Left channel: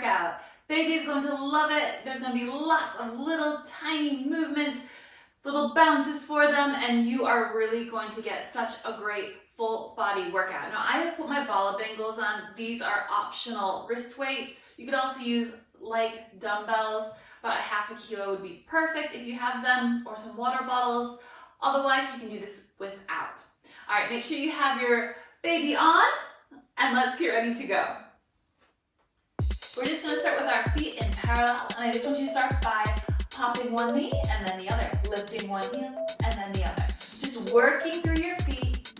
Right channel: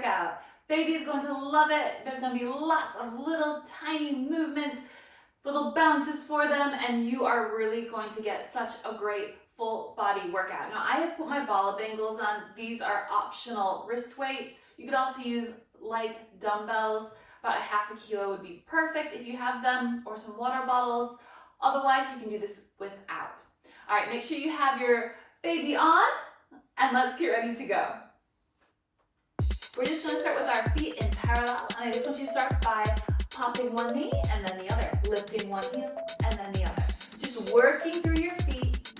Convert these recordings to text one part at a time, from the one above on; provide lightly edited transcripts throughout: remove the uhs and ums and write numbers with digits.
workout. Baby is going to love it. There's going to be lots of little tiny movements, little bounces for them, and you are really going to get such a great full body workout. Now, I have put my bala bangles on. These are optional wrist weights. You could also use light dumbbells. About a half a kilo would be perfect if you have them, or some water bottles. Otherwise, you can do this without. All right, make sure you have your baby on, and let's get ready to go. We're just going to start with our feet in parallel, and I just want you to start by popping one knee and then the other, lifting one heel and then the other. Just working through your feet,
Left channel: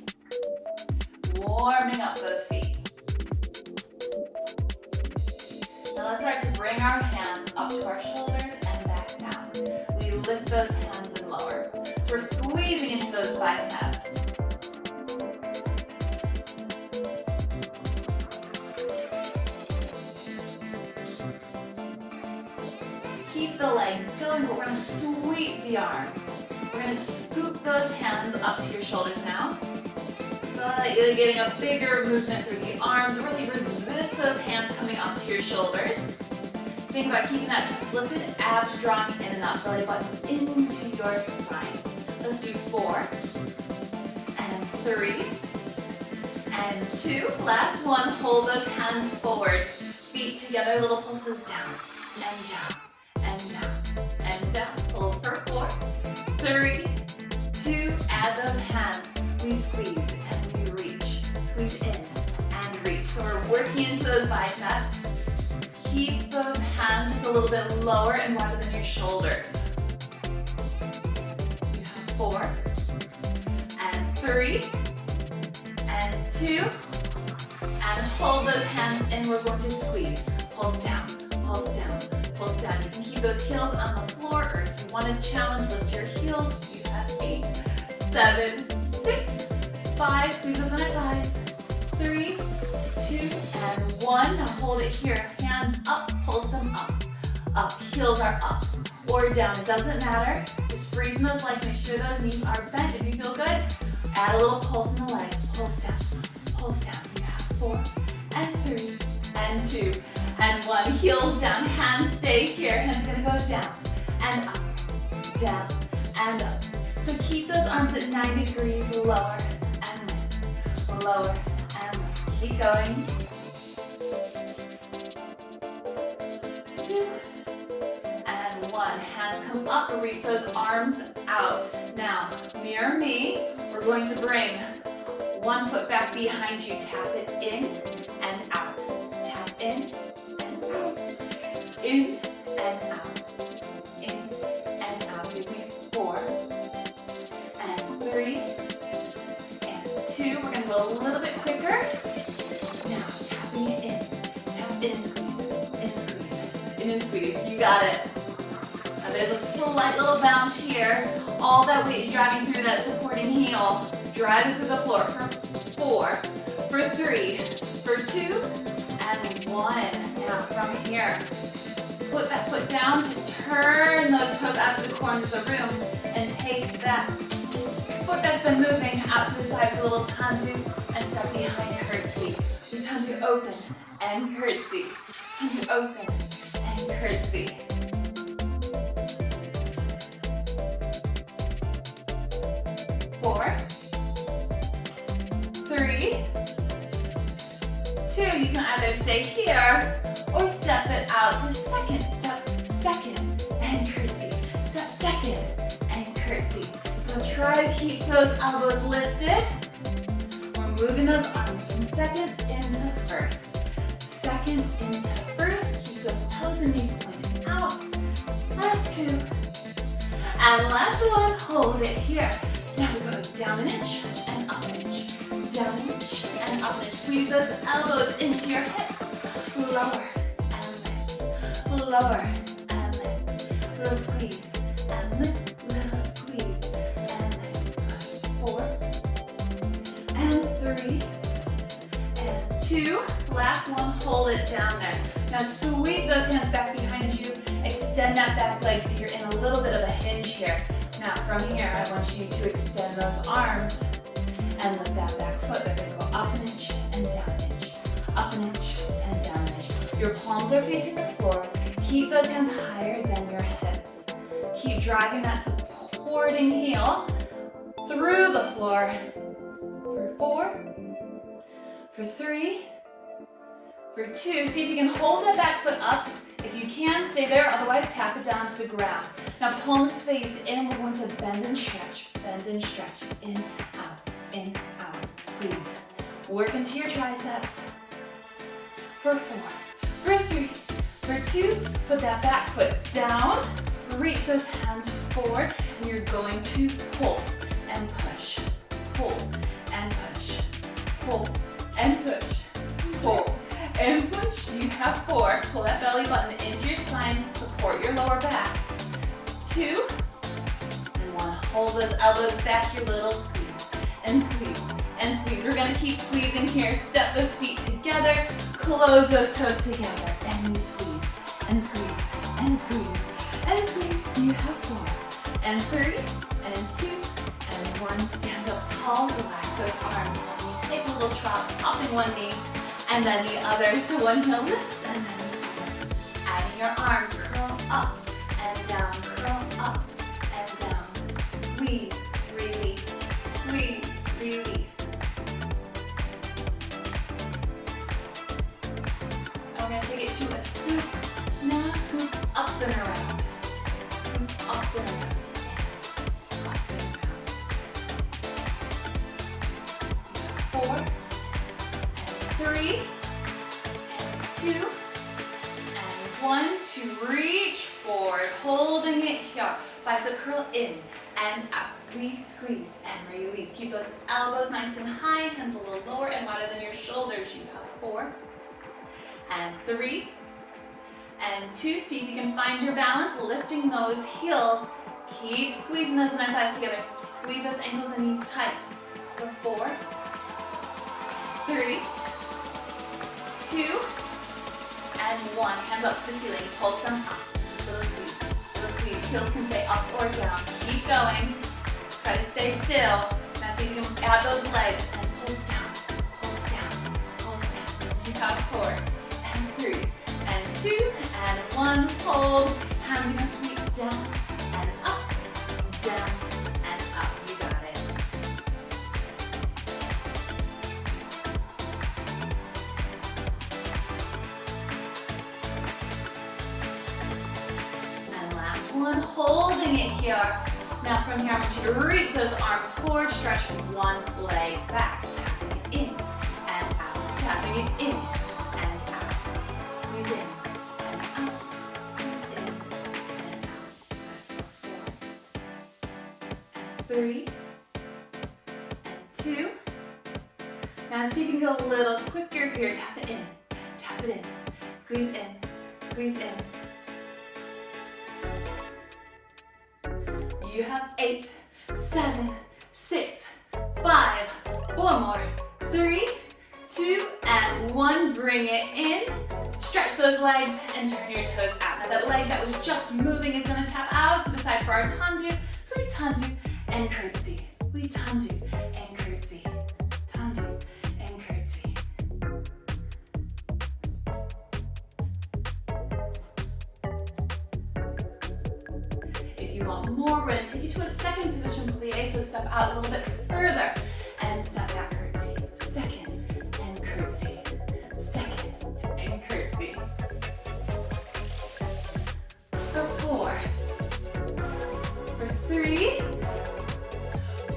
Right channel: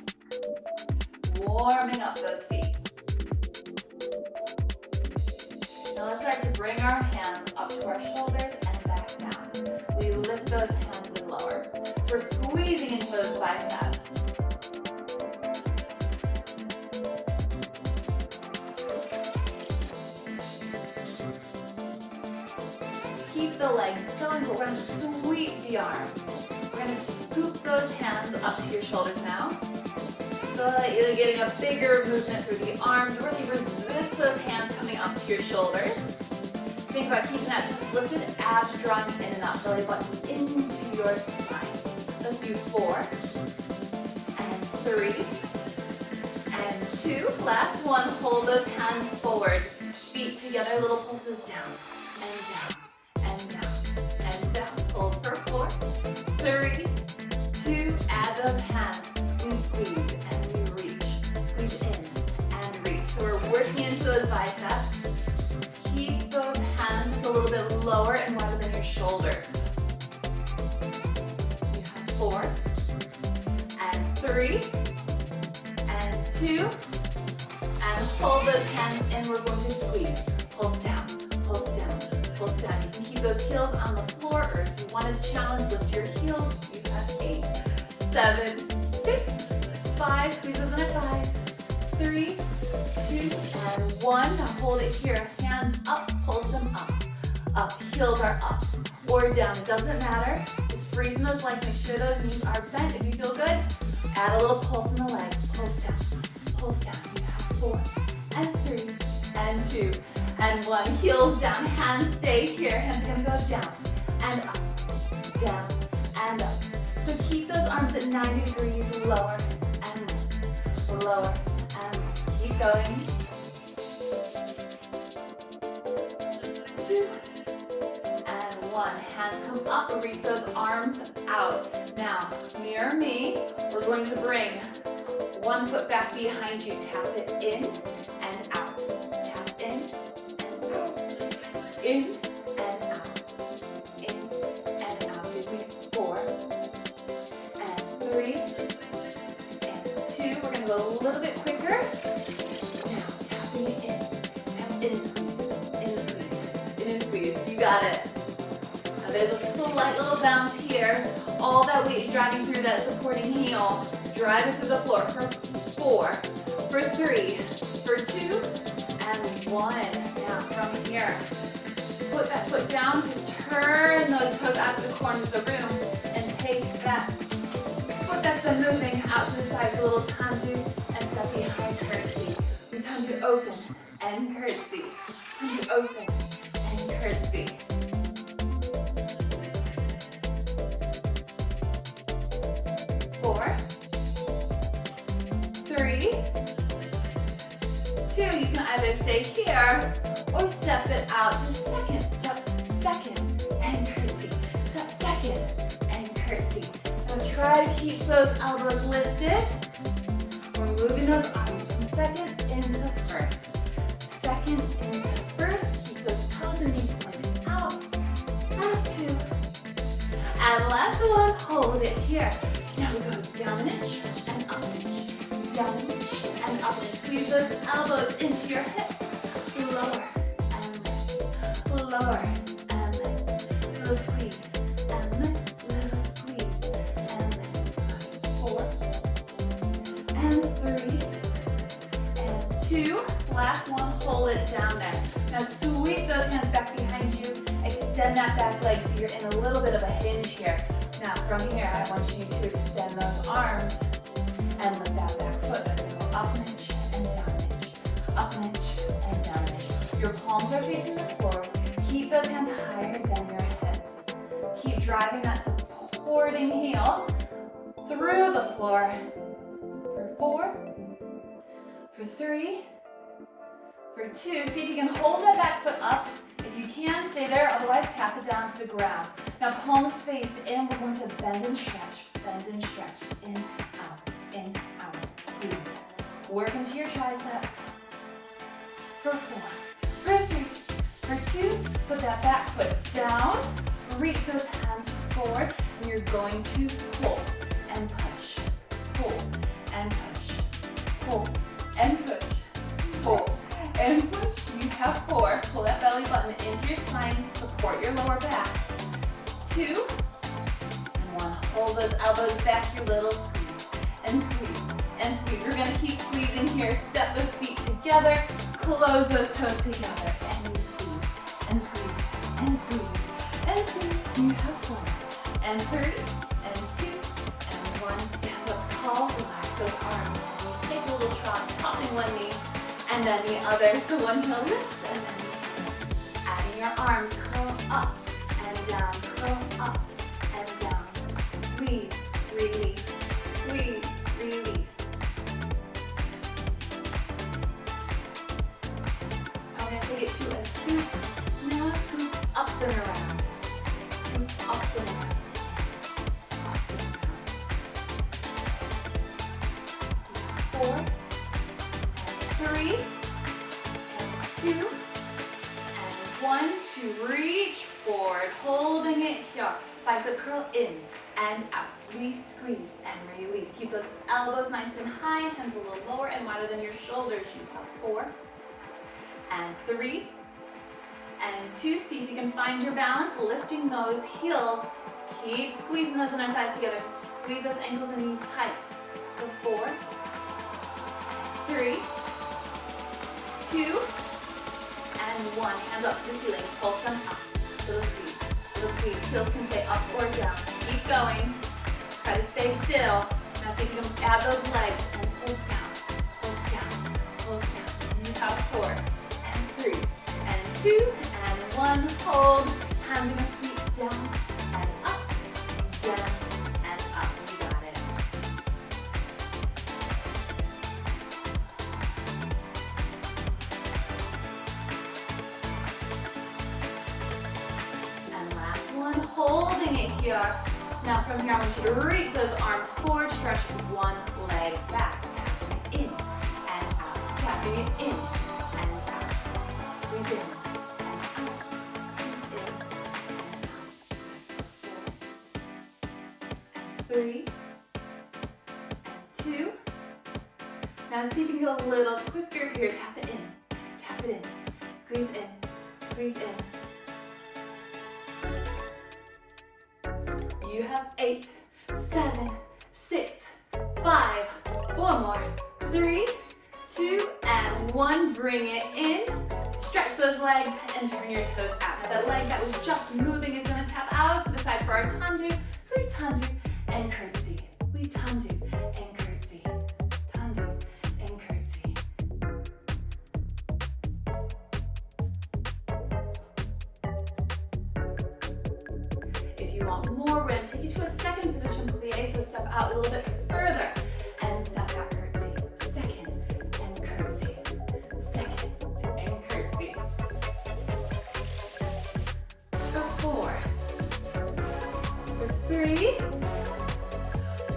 warming up those feet. Now let's start to bring our hands up to our shoulders and back down. We lift those hands and lower. So we're squeezing into those biceps. Keep the legs going, but we're going to sweep the arms. We're going to scoop those hands up to your shoulders now. So that you're getting a bigger movement through the arms. Really resist those hands coming up to your shoulders. Think about keeping that chest lifted, abs drawing in and out, belly button into your spine. Let's do 4, and 3, and 2. Last one, hold those hands forward. Feet together, little pulses down, and down. And down, hold for 4, 3, 2, add those hands, we squeeze and we reach, squeeze in and reach. So we're working into those biceps. Keep those hands just a little bit lower and wider than your shoulders. You have 4, and 3, and 2, and hold those hands in, we're going to squeeze, pulse down, pulse down. Pulse down. You can keep those heels on the floor, or if you want to challenge, lift your heels. You have 8, 7, 6, 5. Squeeze those inner thighs. 3, 2, and 1. Now hold it here. Hands up, pulse them up. Up. Heels are up or down. It doesn't matter. Just freezing those legs. Make sure those knees are bent. If you feel good, add a little pulse in the legs. Pulse down. Pulse down. You have 4, and 3, and 2. And 1, heels down, hands stay here, hands gonna go down, and up, So keep those arms at 90 degrees, lower, and lower, and keep going. 2, and 1, hands come up, reach those arms out. Now, mirror me, we're going to bring one foot back behind you, tap it in and out, tap in, in and out, in and out. Give me 4, and 3, and 2. We're going to go a little bit quicker. Now, tapping it in. Tap in, squeeze, in and squeeze. You got it. Now there's a slight little bounce here. All that weight is driving through that supporting heel. Drive it through the floor for 4, for 3, for 2, and 1. Now from here, put that foot down, just turn those toes out to the corners of the room and take that foot that's been moving out to the side with a little tandu and step behind curtsy. We tandu open and curtsy. Tandu open and curtsy. 4, 3, 2. You can either stay here or step it out to second. Step second and curtsy. Step second and curtsy. Now try to keep those elbows lifted. We're moving those arms from second into first. Second into first. Keep those toes and knees pointing out. Last 2. And last 1. Hold it here. Now we go down an inch and up an inch. Down an inch and up an inch. Squeeze those elbows into your hips. Lower. Lower and lift, little squeeze and lift, little squeeze and lift. 4, and 3, and 2. Last 1, hold it down there. Now sweep those hands back behind you, extend that back leg so you're in a little bit of a hinge here. Now from here, I want you to extend those arms and lift that back foot. We're going to go up an inch and down an inch, up an inch and down an inch. Your palms palms are facing the floor. Keep those hands higher than your hips. Keep driving that supporting heel through the floor. For 4, for 3, for 2. See if you can hold that back foot up. If you can, stay there, otherwise tap it down to the ground. Now palms face in, we're going to bend and stretch, in, out, squeeze. Work into your triceps. For 4, for 3, for 2, put that back foot down, reach those hands forward, and you're going to pull and push, pull and push, pull and push, pull and push. You have 4. Pull that belly button into your spine, support your lower back. 2, and 1. Hold those elbows back, your little squeeze, and squeeze, and squeeze. We're gonna keep squeezing here. Step those feet together, close those toes together, and squeeze, and squeeze, and squeeze, and squeeze. You have 4, and 3, and 2, and 1. Stand up tall, relax those arms. We'll take a little trot, popping one knee, and then the other. So one heel lifts, and then adding your arms, curl up and down, curl up and down. Squeeze, release, squeeze, release. And we're gonna take it to a scoop. Now scoop up and around. Scoop up and around. Up and around. 4, and 3, and 2, and 1. To reach forward, holding it here. Bicep curl in and out. We squeeze and release. Keep those elbows nice and high, hands a little lower and wider than your shoulders. You have 4, and 3, and 2. See if you can find your balance, lifting those heels. Keep squeezing those inner thighs together. Squeeze those ankles and knees tight. For 4, 3, 2, and 1. Hands up to the ceiling. Pulse them up. Little squeeze. Little squeeze. Heels can stay up or down. Keep going. Try to stay still. Now see if you can add those legs and pulse down. Pulse down. Pulse down. You have 4, and 3, and 2, and 1. Hold. Hands are gonna sweep down and up, down and up. You got it. And last one, holding it here. Now from here, I want you to reach those arms forward, stretch one leg back, tapping it in and out, tapping it in and out. Squeeze in and out, squeeze in and out. Good. 4, and 3, and 2. Now see if you can go a little quicker here. Tap it in, squeeze in, squeeze in. You have 8, 7, 6, 5, 4 more, 3, 2, and 1. Bring it in. Stretch those legs and turn your toes out. Now that leg that was just moving is going to tap out to the side for our tandu. So we tandu and curtsy. We tandu and curtsy. Tandu and curtsy. If you want more, we're going to take you to a second position plie. So step out a little bit further and step back curtsy. Second and curtsy. Second and curtsy. For 4. For 3.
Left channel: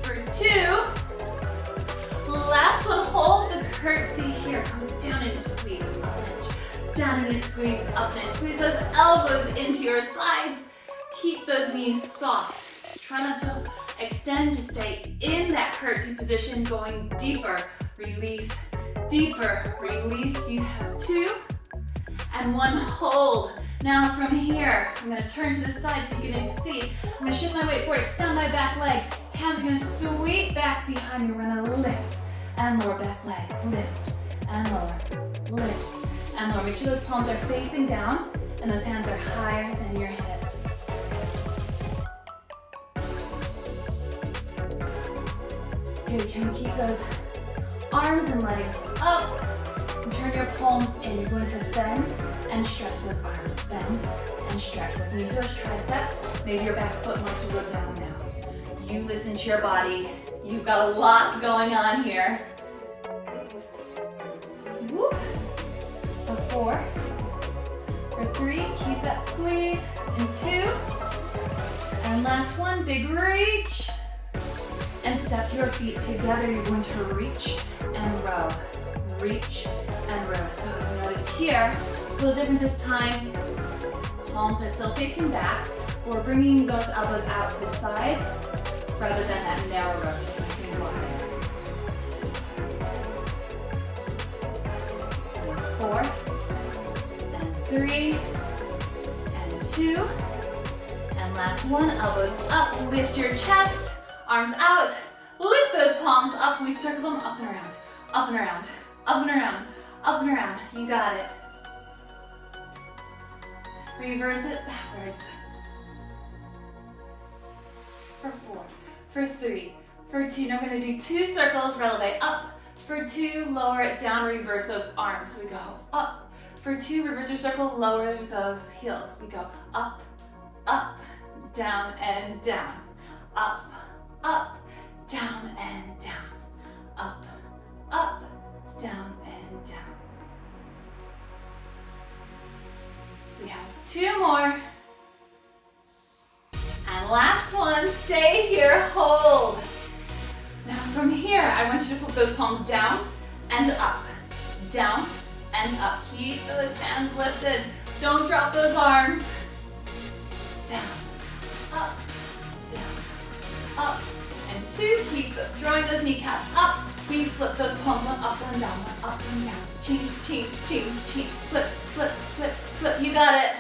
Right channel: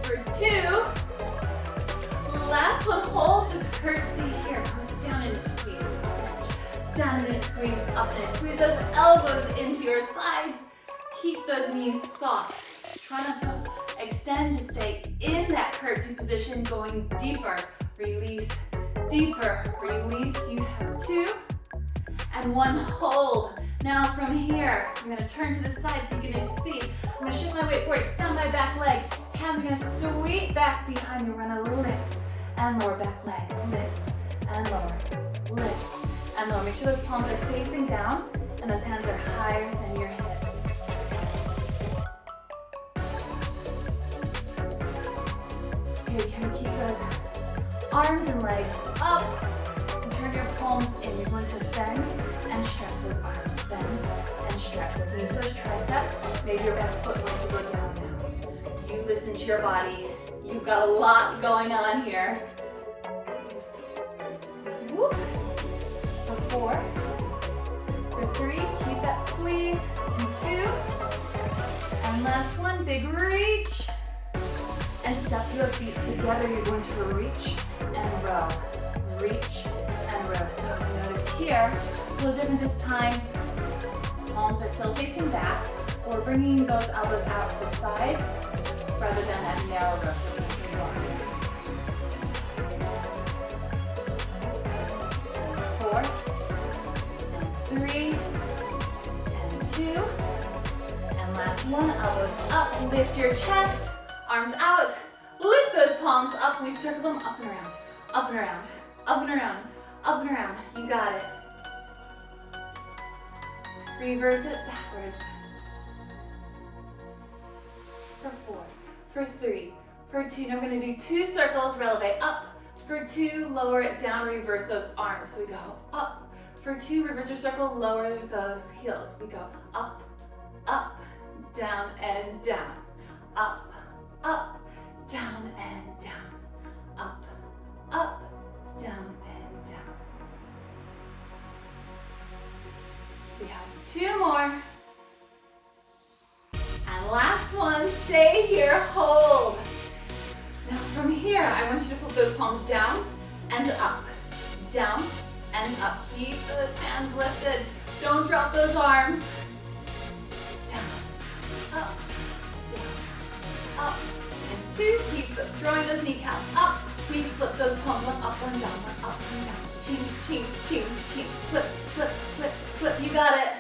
For 2. Last one, hold the curtsy here. Go down and squeeze. Down and squeeze, up and squeeze those elbows into your sides. Keep those knees soft. Try not to extend, just stay in that curtsy position, going deeper. Release, deeper, release. You have 2 and 1. Hold. Now from here, I'm gonna turn to the side so you can see. I'm gonna shift my weight forward, extend my back leg. Hands are gonna sweep back behind me. We're gonna lift and lower back leg. Lift and lower, lift and lower. Make sure those palms are facing down and those hands are higher than your hips. Good, can we keep those arms and legs up and turn your palms in. You're going to bend and stretch those arms. Bend and stretch. Working into those triceps. Maybe your back foot wants to go down now. You listen to your body. You've got a lot going on here. Whoop. For 4. For 3, keep that squeeze. And 2. And last one, big reach. And step your feet together. You're going to reach and row. Reach and row. So notice here, a little different this time. Palms are still facing back. We're bringing those elbows out to the side rather than that narrow row. So we're facing wide. 4, and 3, and 2, and last one. Elbows up. Lift your chest. Arms out. Lift those palms up. We circle them up and around. Up and around. Up and around. Up and around. You got it. Reverse it backwards. For 4. For 3. For 2. Now we're going to do 2 circles. Releve up. For 2, lower it down. Reverse those arms. So we go up. For 2, reverse your circle. Lower those heels. We go up, up, down, and down. Up, up, down, and down. Up, up, down, and down. We have 2 more. And last one, stay here, hold. Now from here, I want you to flip those palms down and up. Down and up. Keep those hands lifted. Don't drop those arms. Down, up, down, up. And 2, keep drawing those kneecaps up. We flip those palms, one up, one down, one up, one down. Change, change, change, change. Flip, flip, flip, flip. You got it.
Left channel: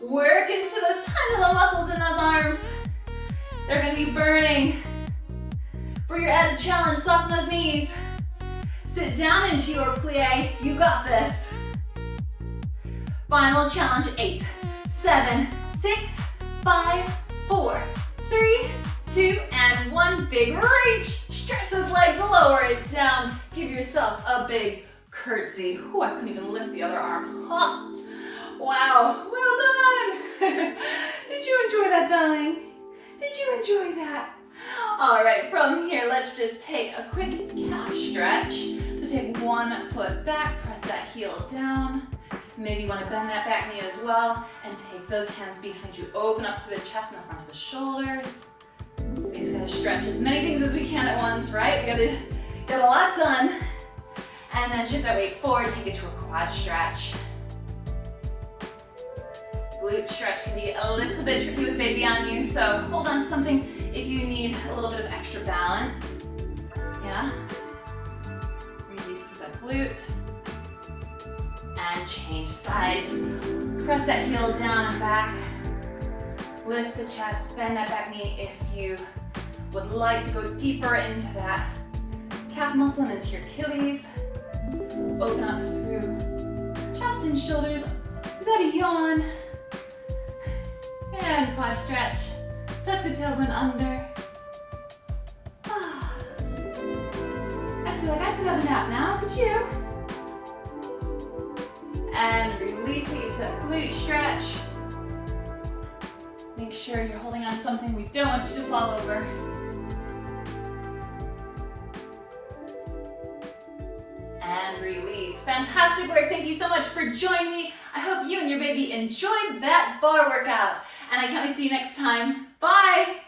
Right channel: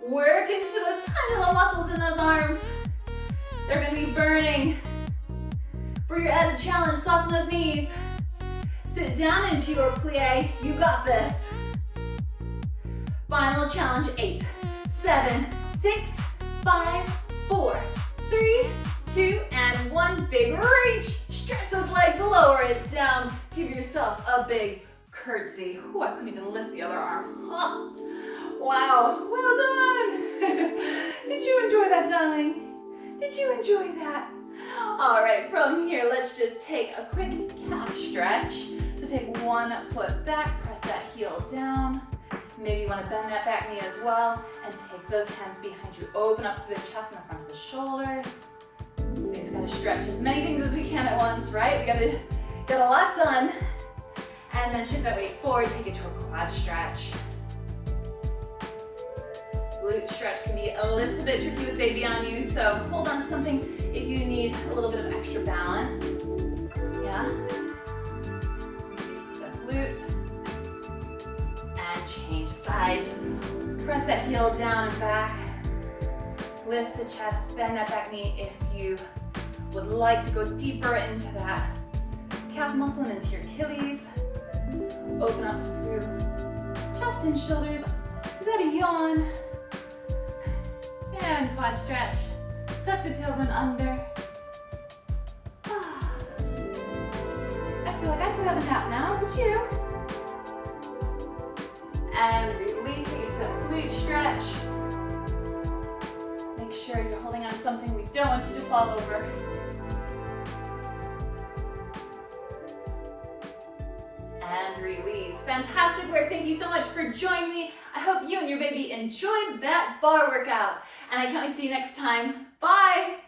Work into those tiny little muscles in those arms. They're gonna be burning. For your added challenge, soften those knees. Sit down into your plie. You got this. Final challenge, 8, 7, 6, 5, 4, 3, 2, and 1. Big reach. Stretch those legs, lower it down. Give yourself a big curtsy. Ooh, I couldn't even lift the other arm. Huh. Wow, well done. Did you enjoy that, darling? Did you enjoy that? All right, from here, let's just take a quick calf stretch. So take one foot back, press that heel down. Maybe you want to bend that back knee as well, and take those hands behind you. Open up through the chest and the front of the shoulders. We just gotta stretch as many things as we can at once, right? We gotta get a lot done. And then shift that weight forward, take it to a quad stretch. Glute stretch can be a little bit tricky with baby on you, so hold on to something if you need a little bit of extra balance. Yeah. Release the glute. And change sides. Press that heel down and back. Lift the chest, bend that back knee if you would like to go deeper into that calf muscle and into your Achilles. Open up through chest and shoulders. Is that a yawn? And quad stretch. Tuck the tailbone under. I feel like I could have a nap now, could you? And releasing it to a glute stretch. Make sure you're holding on to something. We don't want you to fall over. And release. Fantastic work. Thank you so much for joining me. I hope you and your baby enjoyed that bar workout. And I can't wait to see you next time. Bye.